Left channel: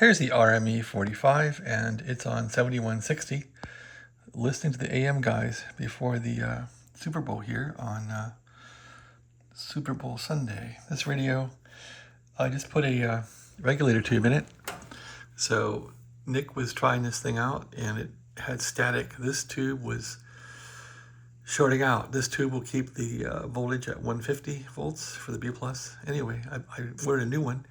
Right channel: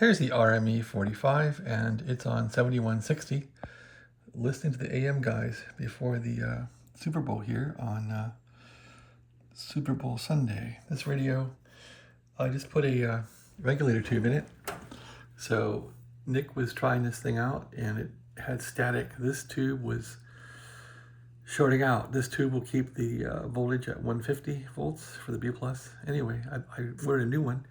Here's the RME 45, and it's on 7160. Listening to the AM guys before the Super Bowl here on Super Bowl Sunday. This radio, I just put a regulator tube in it. So Nick was trying this thing out and it had static. This tube was shorting out. This tube will keep the voltage at 150 volts for the B+. Anyway, I ordered a new one.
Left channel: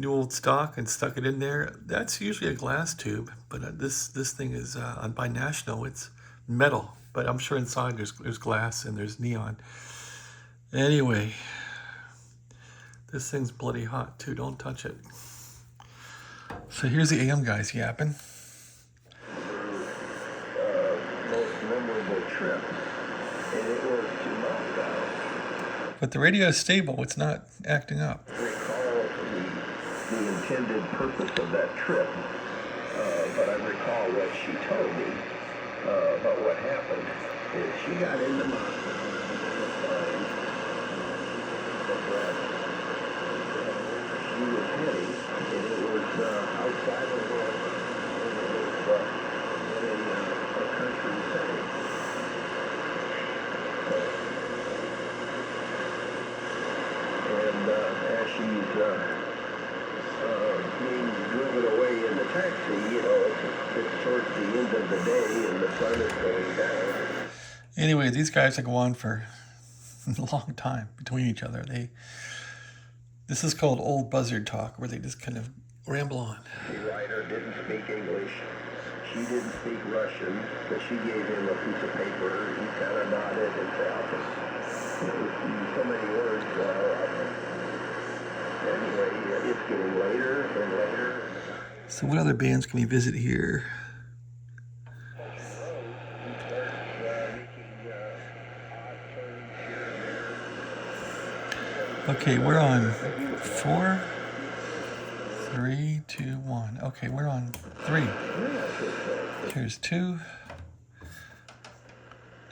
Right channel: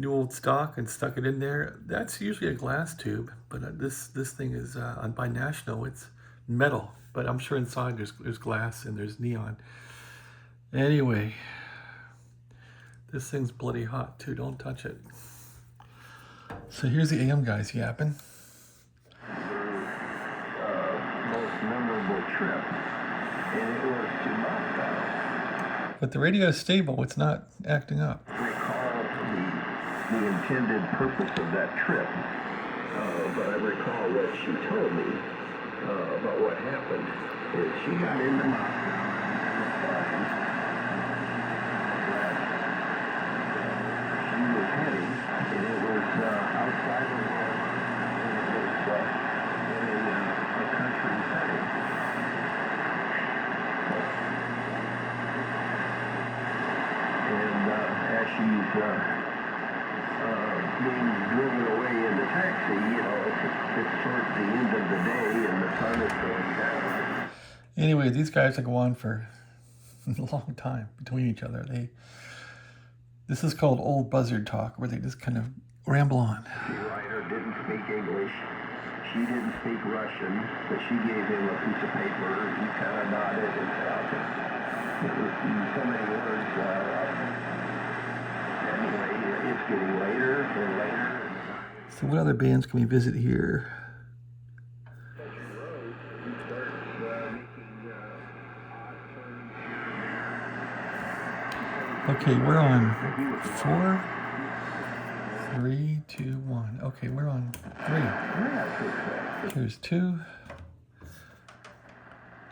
New old stock and stuck it in there. That's usually a glass tube, but this thing is by National. It's metal, but I'm sure inside there's glass and there's neon. Anyway, this thing's bloody hot too. Don't touch it. So here's the AM guys yapping. Most memorable trip, and it was to Moscow. But the radio is stable. It's not acting up. The intended purpose of that trip, but I recall what she told me about what happened is she got into Moscow and she was heading, and it was outside of it was in a country setting. And as she's being driven away in the taxi, you know, it's towards the end of the day and the sun is going down. Anyway, these guys will go on for a long time between each other. This is called old buzzard talk, where they just kind of ramble on. The writer didn't speak English. She didn't speak Russian, but she gave him a piece of paper. He kind of nodded and so many words. Anyway, it's getting later and later. So what other bands can we visit here? Okay, we're on 4, 3, 2, 1. Okay, we're on 3. Here's 2.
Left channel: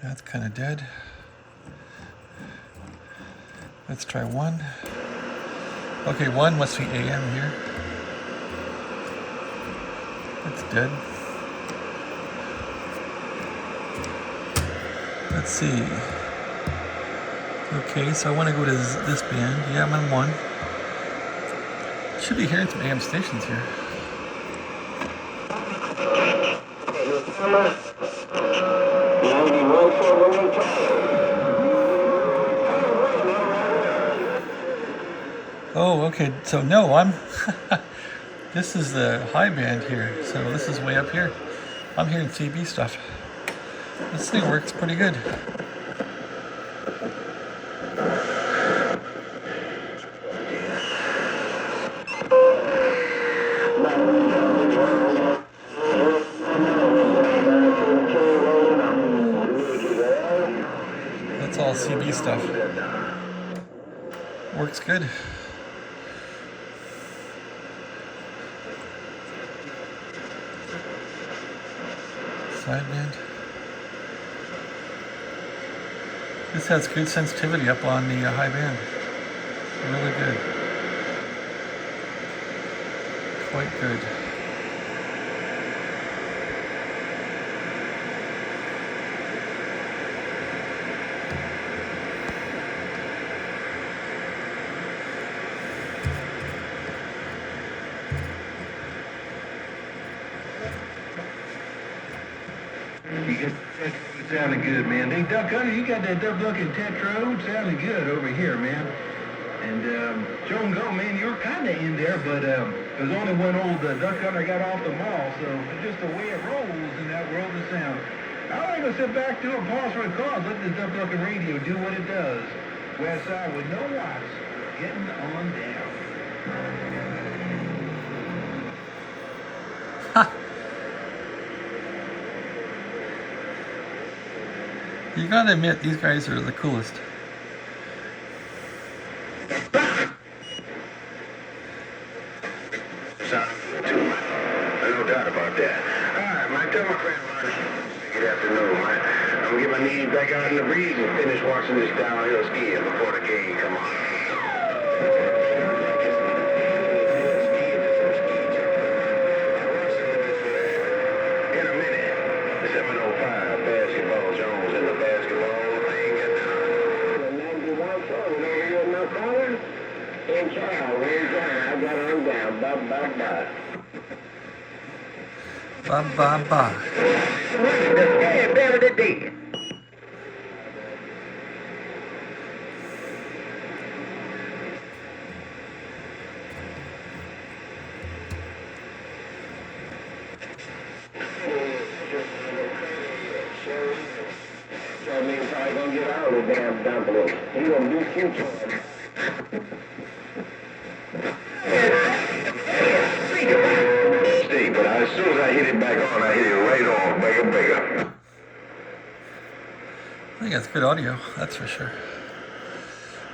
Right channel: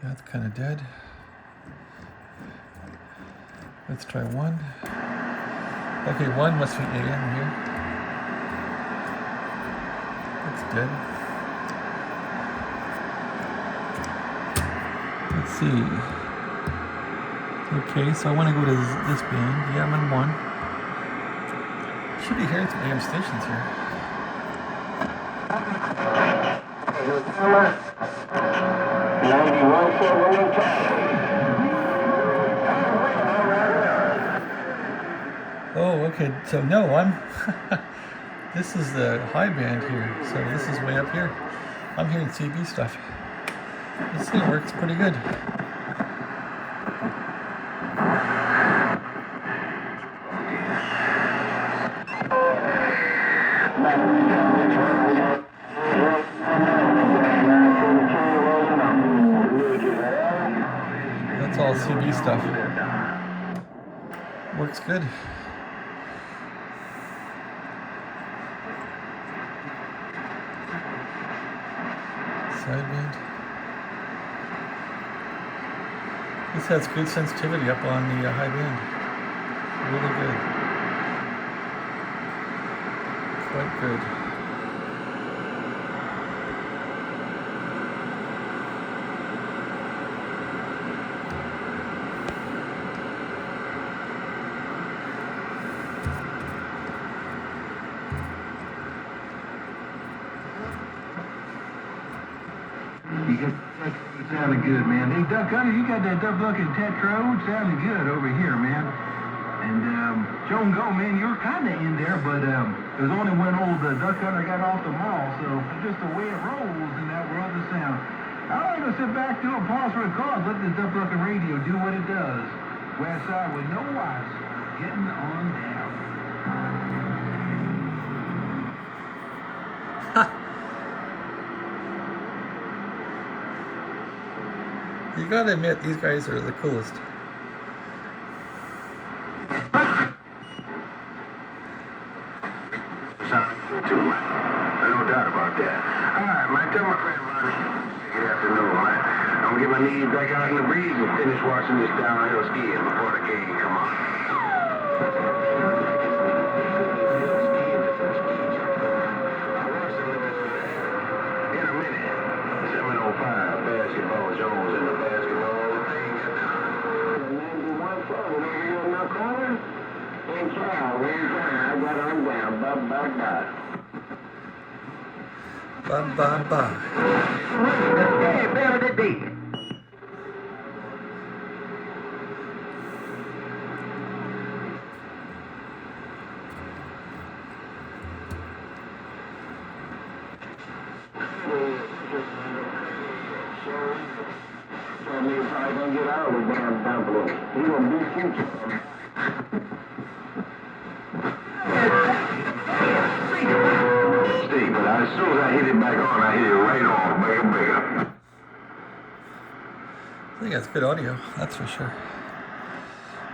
That's kind of dead. Let's try 1. Okay, 1 must be AM here. That's dead. Let's see. Okay, so I want to go to this band. Yeah, I'm on 1. Should be hearing some AM stations here. Oh, okay, so no, this is the high band here, so this is way up here. I'm hearing CB stuff. This thing works pretty good. That's all CB stuff. Works good. Sideband. This has good sensitivity up on the high band. Really good. Quite good. You sounding good, man. Hey, Duck Hunter, you got that Duck Luck and Tetro sounding good over here, man. And Joe and Go, man, you were kind of in there, but it was only when old Duck Hunter got off the mall, so it's just the way it rolls in that world of sound. I like to sit back to and pause for a cause, let the Duck Luck and radio do what it does. West side with no watts, getting on down. You gotta admit, these guys are the coolest. No doubt about that. All right, man, tell my friend, man, good afternoon, man. I'm gonna get my knees back out in the breeze and finish watching this downhill skiing before the game come on. Bye. Bye. Hey, better the day. So I mean, if I don't get out of the damn dump, he gonna beat you. See, but as soon as I hit it back on, I hit it right on, bigger. I think that's good audio, that's for sure.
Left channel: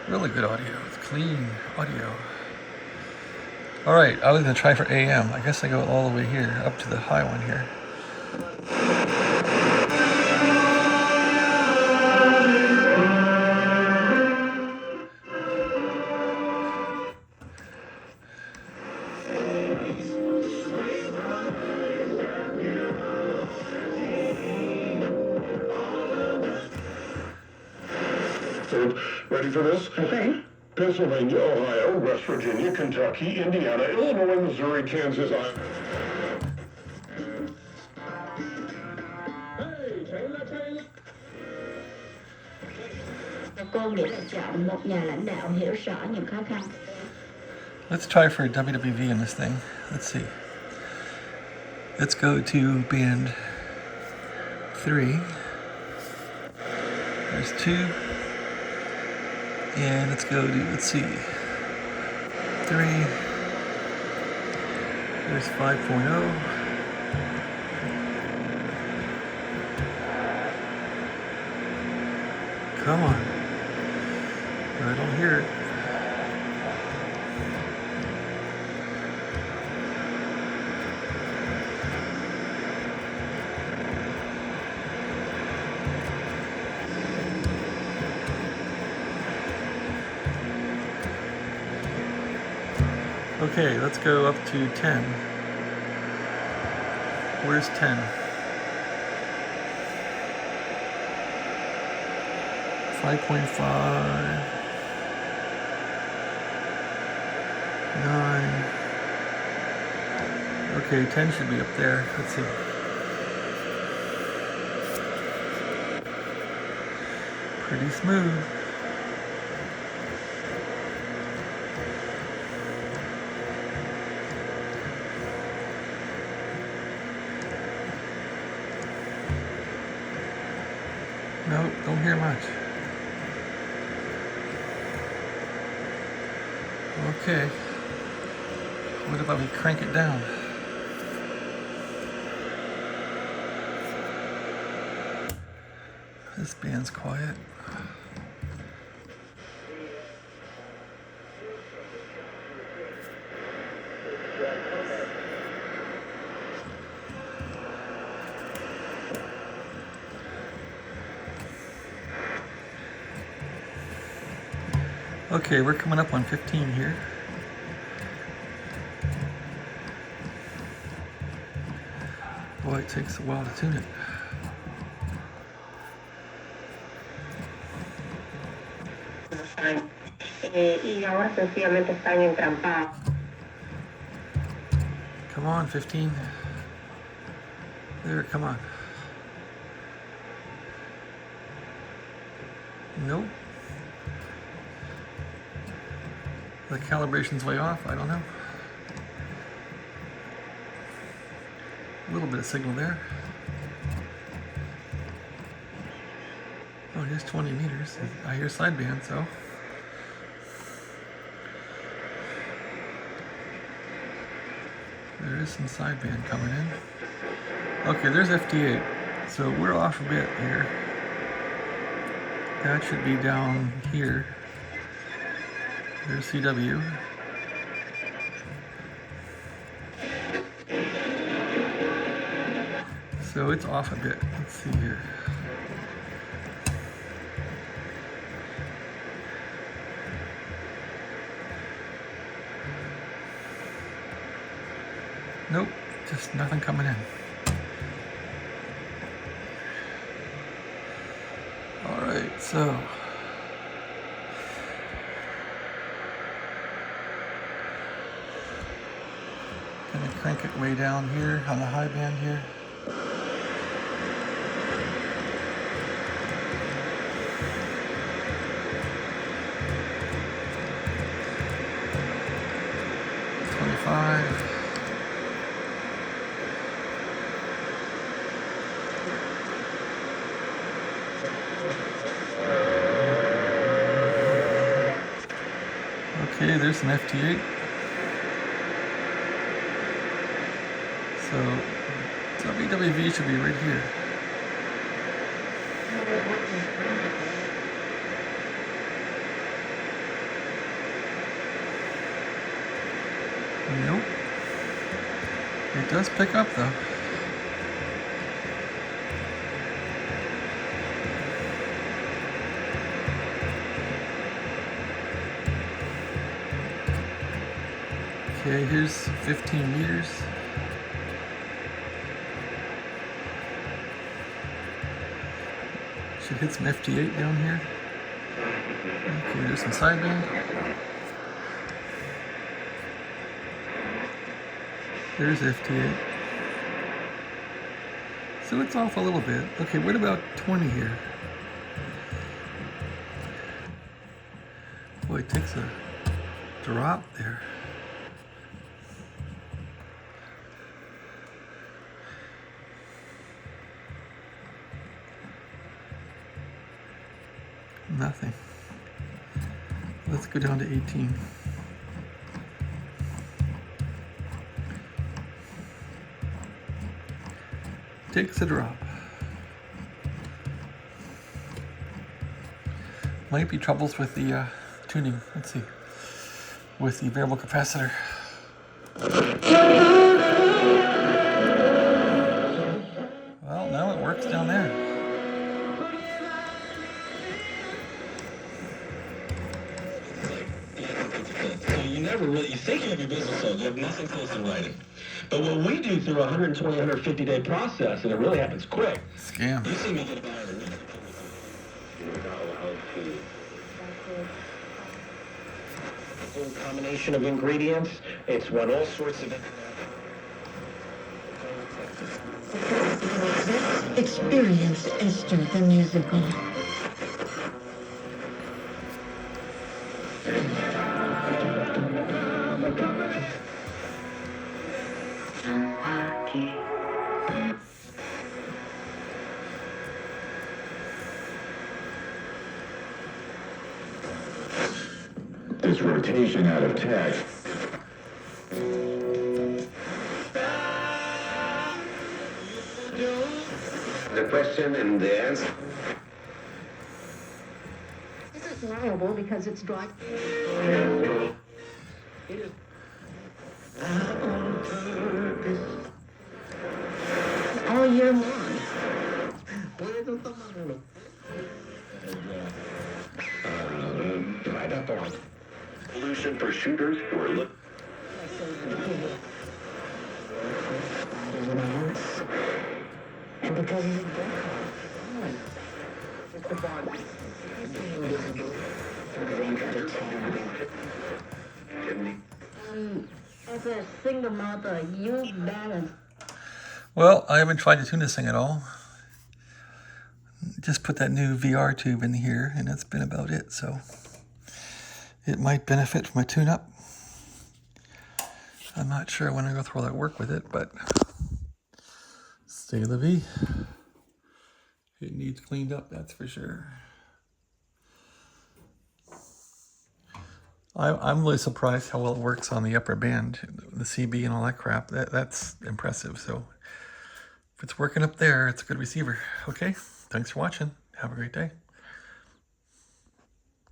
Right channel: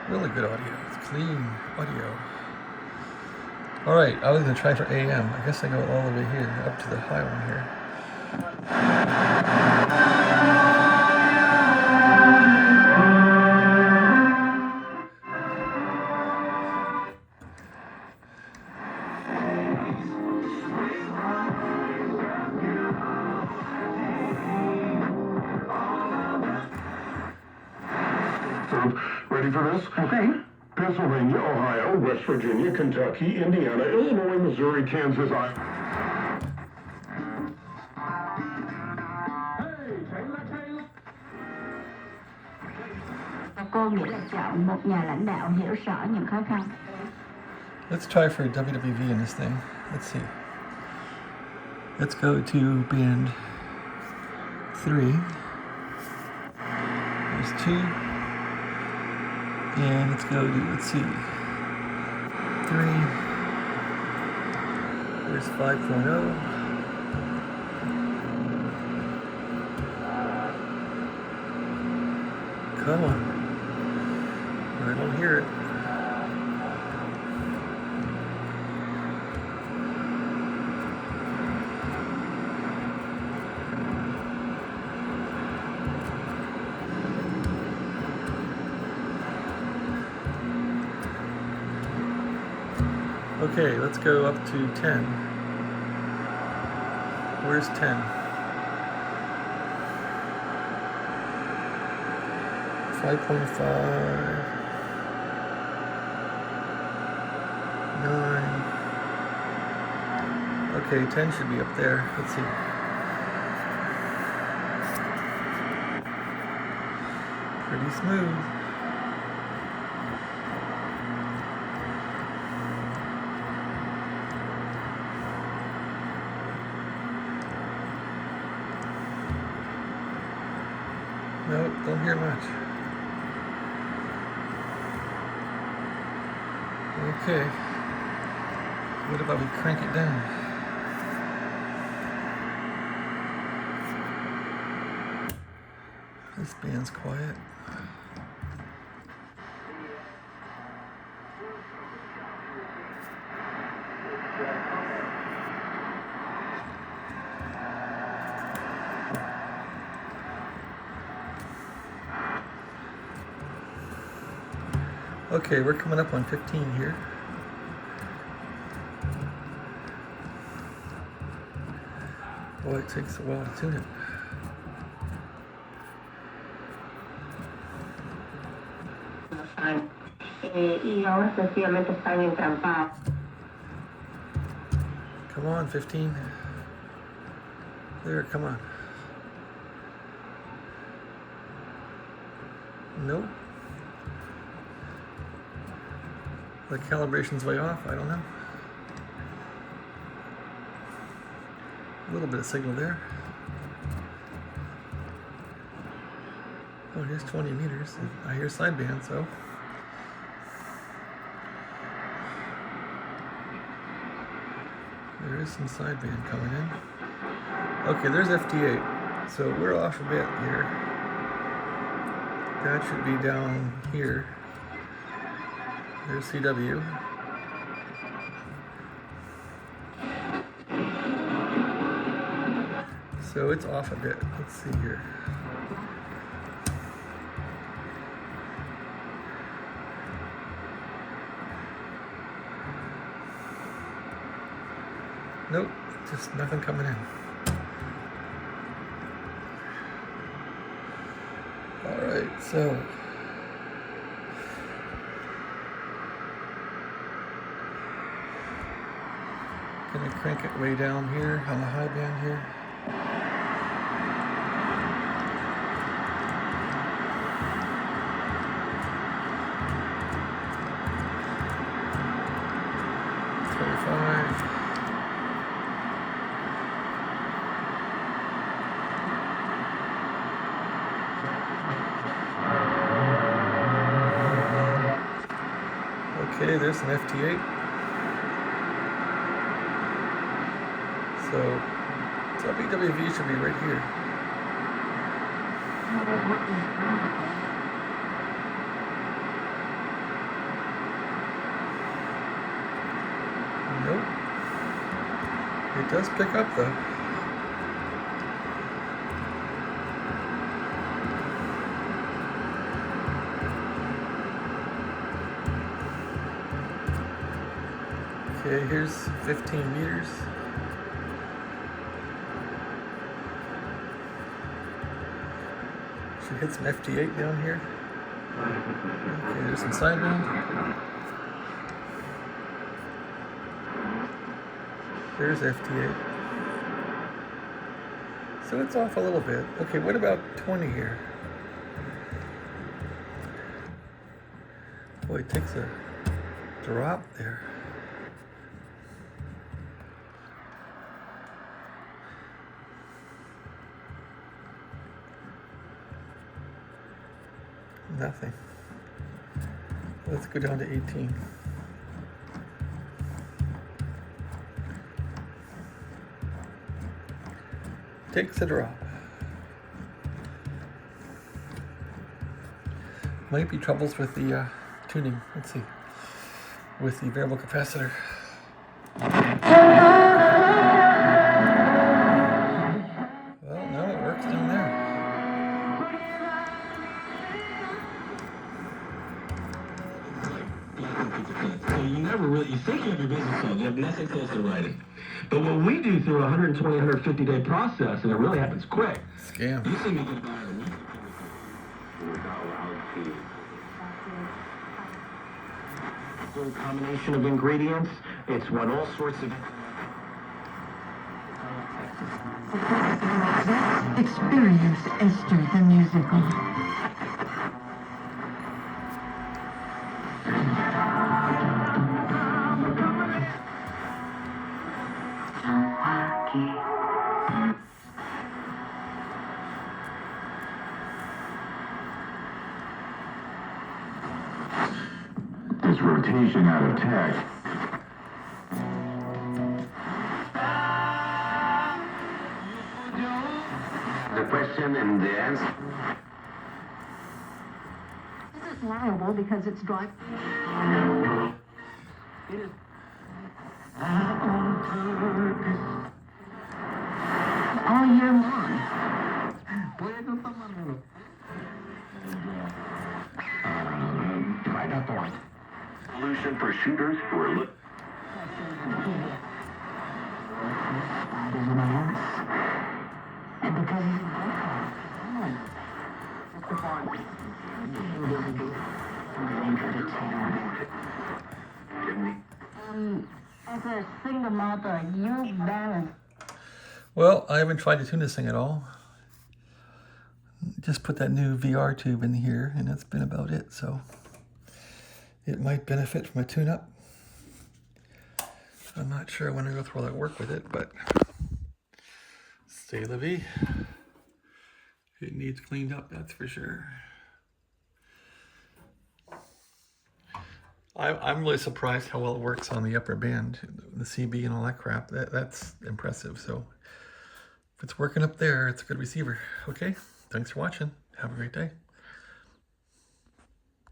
Really good audio. It's clean audio. Alright, I was going to try for AM. I guess I go all the way here, up to the high one here. Ready for this? Okay. Pennsylvania, Ohio, West Virginia, Kentucky, Indiana, Illinois, Missouri, Kansas, Iowa. Cô nghĩa là chọn một nhà lãnh đạo hiểu rõ những khó khăn. Let's try for WWV in this thing. Let's see. Let's go to band 3. There's 2. And let's go to, let's see, 3. There's 5.0. Come on. I don't hear it. Okay, let's go up to 10. Where's 10? 5.5. 9. Okay, 10 should be up there. Let's see. Pretty smooth. No, don't hear much. Okay. What about we crank it down? This band's quiet. Okay, we're coming up on 15 here. Boy, it takes a while to tune it. Y ahora sencillamente están encampados. Come on, 15. There, come on. Nope. The calibration's way off, I don't know. A little bit of signal there. Oh, here's 20 meters. I hear sideband, so. There is some sideband coming in. Okay, there's FT8. So we're off a bit here. That should be down here. There's CW. So it's off a bit. Let's see here. Nope, just nothing coming in. All right, so. crank it way down here on the high band here. Okay, there's some FT8. So WWV should be right here. Nope. It does pick up though. Okay, here's 15 meters. Should hit some FT8 down here. Okay, there's some sideband. There's FT8. So it's off a little bit. Okay, what about 20 here? Boy, it takes a drop there. Nothing. Let's go down to 18. Takes a drop. Might be troubles with the tuning. Let's see. With the variable capacitor. Well, now it works down there. You think you have your business sold, you have nothing close to writing. But what we do through a 120, 150-day process, and it really happens quick. Scam. You see me get a buyer a week. We're not allowed to. A combination of ingredients. It's what all sorts of. Experience Esther the musical. This rotation out of tech. The question and the answer. This is liable because it's dry. All year long. Right up on. Solution for shooters who are looking. And because he's as a single mother, you balance. Well, I haven't tried to tune this thing at all. Just put that new VR tube in here, and that's been about it. So it might benefit from a tune-up. I'm not sure I want to go through all that work with it, but c'est la vie. It needs cleaned up, that's for sure. I'm really surprised how well it works on the upper band, the CB and all that crap. That's impressive. So if it's working up there, it's a good receiver. Okay, thanks for watching. Have a great day.